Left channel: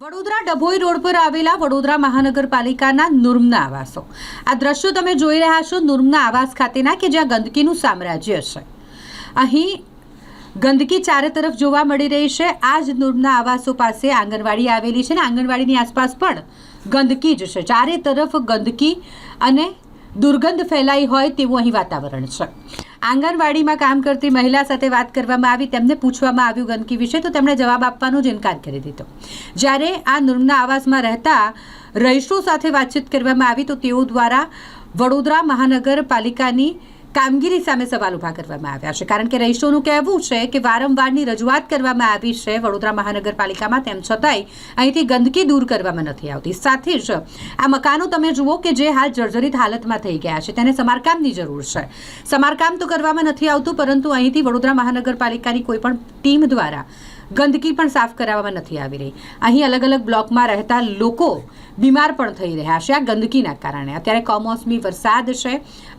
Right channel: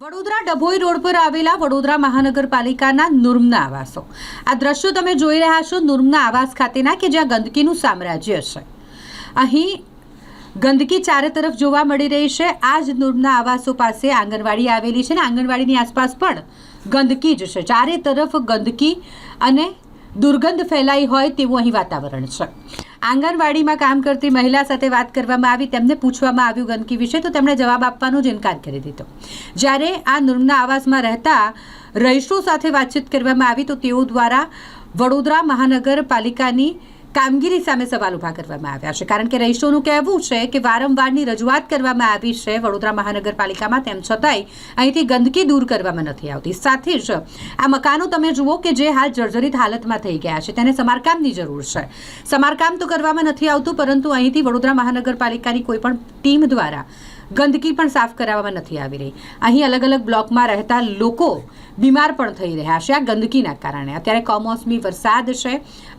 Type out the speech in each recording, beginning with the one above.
Vadodara Dabhoi road પર આવેલા વડોદરા મહાનગરપાલિકાના નુર્મના આવાસો આ દ્રશ્યો તમે જોઈ રહ્યા છો નુર્મના આવાસ ખાતેના કે જ્યાં ગંદકીનું સામ્રાજ્ય છે। અહીં ગંદકી ચારે તરફ જોવા મળી રહી છે। આ જ નુર્મના આવાસો પાસે આંગણવાડી આવેલી છે ને આંગણવાડીની આસપાસ પણ ગંદકી જ છે। ચારે તરફ ગંદકી અને દુર્ગંધ ફેલાઈ હોય તેવું અહીં વાતાવરણ છે। આંગણવાડીમાં કામ કરતી મહિલા સાથે વાત કરવામાં આવી, તેમને પૂછવામાં આવ્યું ગંદકી વિશે તો તેમણે જવાબ આપવાનો જ ઇનકાર કરી દીધો। જ્યારે આ નુર્મના આવાસમાં રહેતા રહીશો સાથે વાતચીત કરવામાં આવી તો તેઓ દ્વારા વડોદરા મહાનગરપાલિકાની કામગીરી સામે સવાલ ઊભા કરવામાં આવ્યા છે। કારણ કે રહીશોનું કહેવું છે કે વારંવારની રજૂઆત કરવામાં આવી છે વડોદરા મહાનગરપાલિકામાં, તેમ છતાંય અહીંથી ગંદકી દૂર કરવામાં નથી આવતી। સાથે જ આ મકાનો તમે જુઓ કે જે હાલ જર્જરિત હાલતમાં થઈ ગયા છે, તેને સમારકામની જરૂર છે। સમારકામ તો કરવામાં નથી આવતું, પરંતુ અહીંથી વડોદરા મહાનગરપાલિકાની કોઈ પણ ટીમ દ્વારા ગંદકી પણ સાફ કરાવવામાં નથી આવી રહી। અહીં અલગ અલગ બ્લોકમાં રહેતા લોકો બીમાર પણ થઈ રહ્યા છે આ ગંદકીના કારણે। અત્યારે કમોસમી વરસાદ છે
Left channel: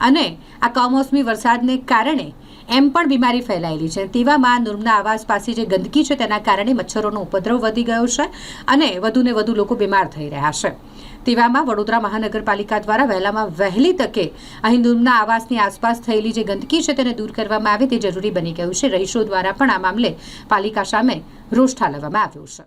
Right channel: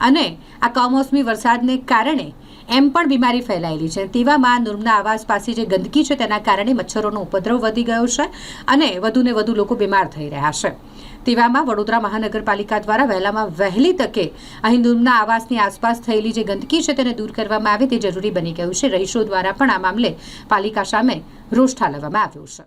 અને આ કમોસમી વરસાદને કારણે એમ પણ બીમારી ફેલાયેલી છે। તેવામાં નુર્મના આવાસ પાસે જે ગંદકી છે તેના કારણે મચ્છરોનો ઉપદ્રવ વધી ગયો છે અને વધુને વધુ લોકો બીમાર થઈ રહ્યા છે। તેવામાં વડોદરા મહાનગરપાલિકા દ્વારા વહેલામાં વહેલી તકે અહીં નુર્મના આવાસની આસપાસ થયેલી જે ગંદકી છે તેને દૂર કરવામાં આવે તે જરૂરી બની ગયું છે। રહીશો દ્વારા પણ આ મામલે પાલિકા સામે રોષ ઠાલવવામાં આવ્યો છે।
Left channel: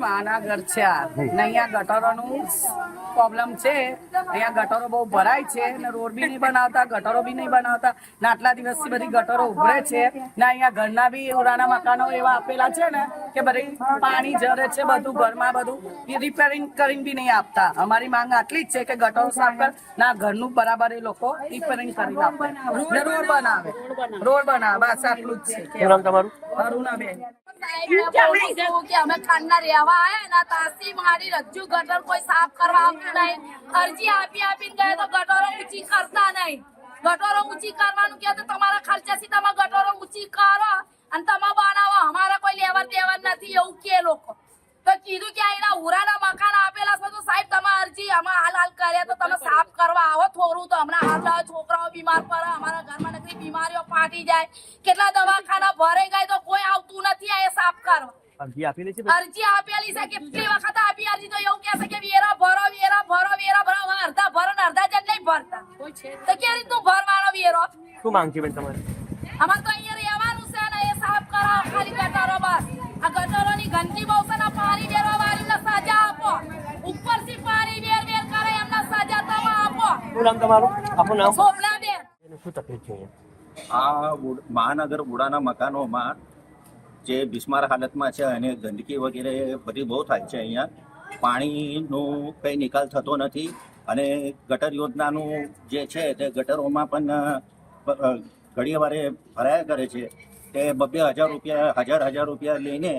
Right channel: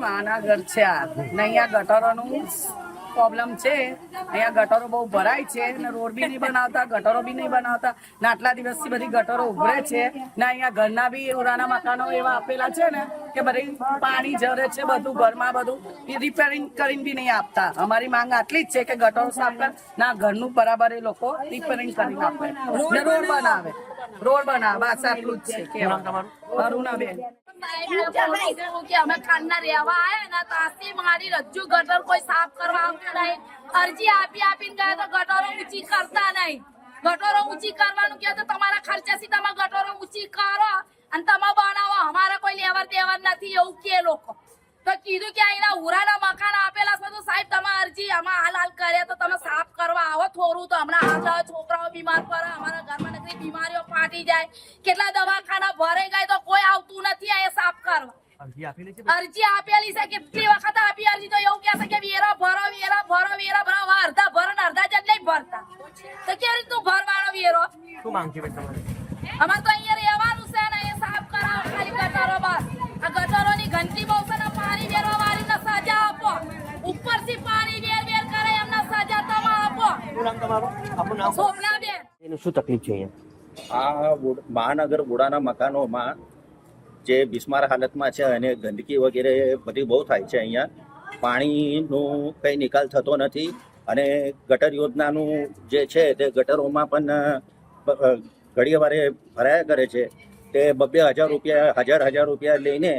માના ઘર છે આ ને અહીંયા ગટરોનું પ્રોબ્લેમ છે। અહીંયા ગટરો બહુ ભરાય છે ને રોડ બી નહીં બનાવતા, ગટરો બી નહીં બનાવતા ને આટલા દિવસથી બધી ગટરો ઉભરે છે ને અહીંયા ઘરના બી ઉરાના મકાનો એવા આપેલા છે ને કે બધી પાણી જરે છે, બધું ઘરમાં બધું રિપેરિંગ કરીને બી નહીં આપતા। અમારી માંગ આટલી જ છે કે ગટરો સાફ કર ના ઘરનું બરાબર એ લોકો રિપેરિંગ કરીને આપે ને રોડ બનાવે બસ આટલું જ છે। અરુણાબેન કે અમે ખાનના રહેવા આયા ને તાસી મારી રજ્જુ ગટર કોઈ સાફ કરવા આવતું નહીં। અરજી આપીને ગયા તો ગટરો ઊંચી કરતા નહીં। ગટરો ઊંચી કરવાનું કહે તો તમારા ખર્ચાથી તમે ગટરો ઊંચી કરો અને તમે બનાવો, અમારા કોઈ લેવર દેવર નથી એવું કે લોકો તો કીધું કે અહીંના ઉરાના મકાન આપેલા છે તો સાહેબ તમે અરજી આમાં હાલ કરે તો તમે સાફ કરવા આવો થોડું તો હમણાં હાલ છોકરાઓ બીમાર પડે, અમારા ઘરમાં નકરી બીમારીઓ ફાટી જાય, કેટલા દવાખાના ભરાઈ જાય તો કોઈ આવતું નથી આ સાફ કરવા। અરજી આપેલી છે કેટલી વખત આપી અરજી તો એવું કહે છે કે વેરા ભરો અડધા ભરો ને અડધા જણ નહીં ભરતા તો કેવી રીતનું ભરવાનો વેરો? શું માંગ છે તમારે? અમારે તો અહીંયા રહેવાનું છે ને એ સાફ કરાવો ખાલી ગટરો બસ। આ ગટરોની ગંદકી બહુ છે ને પાણી વેરવા વાળીને સજા આપો, ઉપરથી પાણી વેર કરે એમને સજા તમે આપો। શું નામ તમારું? આપનું નામ? સોમનાબેન। એનું શું તકલીફ છે અહીંયા? આ મહાનગર વુડાના મકાનોમાં જે બિસ્માર હાલતમાં છે અને ગંદકી વગેરે બધી બહુ થાય છે। અહીંયા પાણીનું કંઈ નિકાલ થતો નથી અને ગટર યોજનાનું જે છે તે ગટરોમાં પણ ઘડીએ વારે ભરાયા કરે છે। તે 2,000 રૂપિયા હજાર રૂપિયા લઈને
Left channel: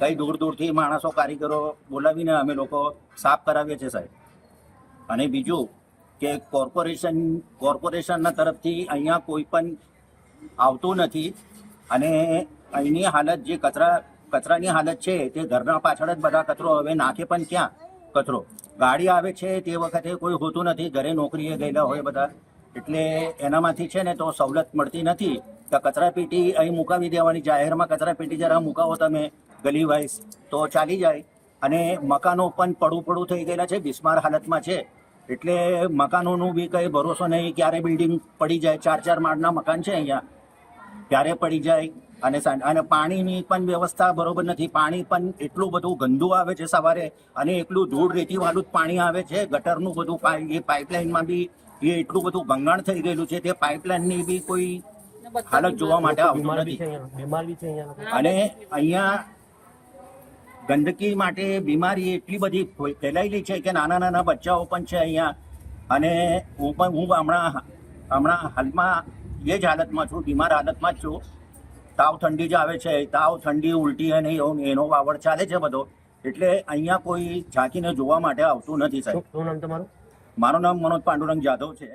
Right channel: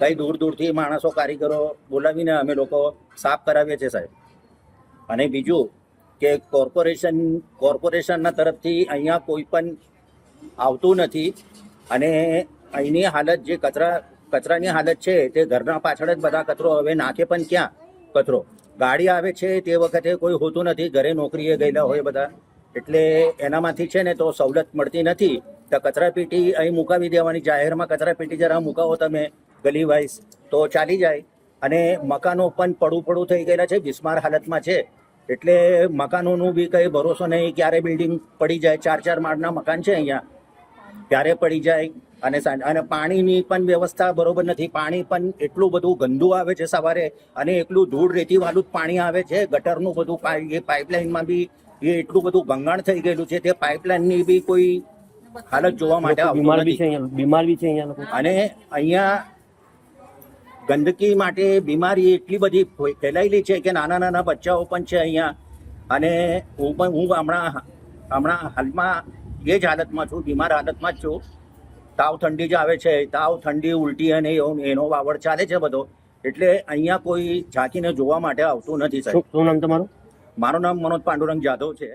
કઈ દૂરથી માણસો કારીગરો બોલાવીને અમે લોકો સાફ કરાવીએ છીએ સાહેબ। અને બીજું કે કોર્પોરેશનના તરફથી અહીંયા કોઈ પણ આવતું નથી અને અહીંની હાલત જે કચરા કચરાની હાલત છે તે ઘરના પાછળ જ બધા કચરો હવે નાખે પણ ક્યાં કચરો ગાડી આવે છે તે વખતે કોઈ હોતું નથી, ઘરે નોકરીએ ગયેલા હોય બધા, એટલે એનામાંથી છે ને તો સવલત મળતી નથી. તો કચરાપેટી અહીં મુકાવી દેવાની, જાહેરમાં કચરાપેટી જરા મુકાવો તમે ગલી વાઇઝ તો ચાલી જાય. અને મકાનો પણ પડું થઈ ગયેલા છે, બિસ્માર હાલતમાં છે, એટલે મકાનોનું બી કંઈ ભરોસો નહીં, ક્યારે બિલ્ડિંગ પડી જાય. 4 માળના મકાન છે અહીંયા, ક્યારે પડી જાય. અને પાણીની પણ વ્યવસ્થા બરોબર નથી, પાણી પણ એટલું બધું ગંદુ આવે છે સવારે, અને એટલું ધૂળ રેતીવાળું જ પાણી આવે છે. ગટરનું બધું એ પાઇપલાઇનમાં બી એ એટલું બધું ભંગાણ થઈ ગયેલું છે, તે પાઇપલાઇનની બી કોઈ હાલત જોવા માટે આવતું બીમાર બી નથી. છે અહીંયા, બીમાર બી છે અહીંયા લોકો. અને અહીંયા ગંદકી માટે બીમારી એટલી બધી ફેલાયેલી છે કે નાના બચ્ચાઓ પણ છે અહીંયા. અને હું હમણાં હાલમાં એ જ હાલતમાં છું, બીમાર હાલતમાં જ છું. તાવ ઠંડી જ આવે છે, તાવ ઠંડી ઉલટી અને એનો વાવડ ચાલે છે બધો, એટલે અહીંયા કોઈ ઝાંકીને જોવા માટે આવતું નથી સાહેબ. શું નામ તમારું? મારું નામ મનોજ પાંડુરંગ જાદવ છે.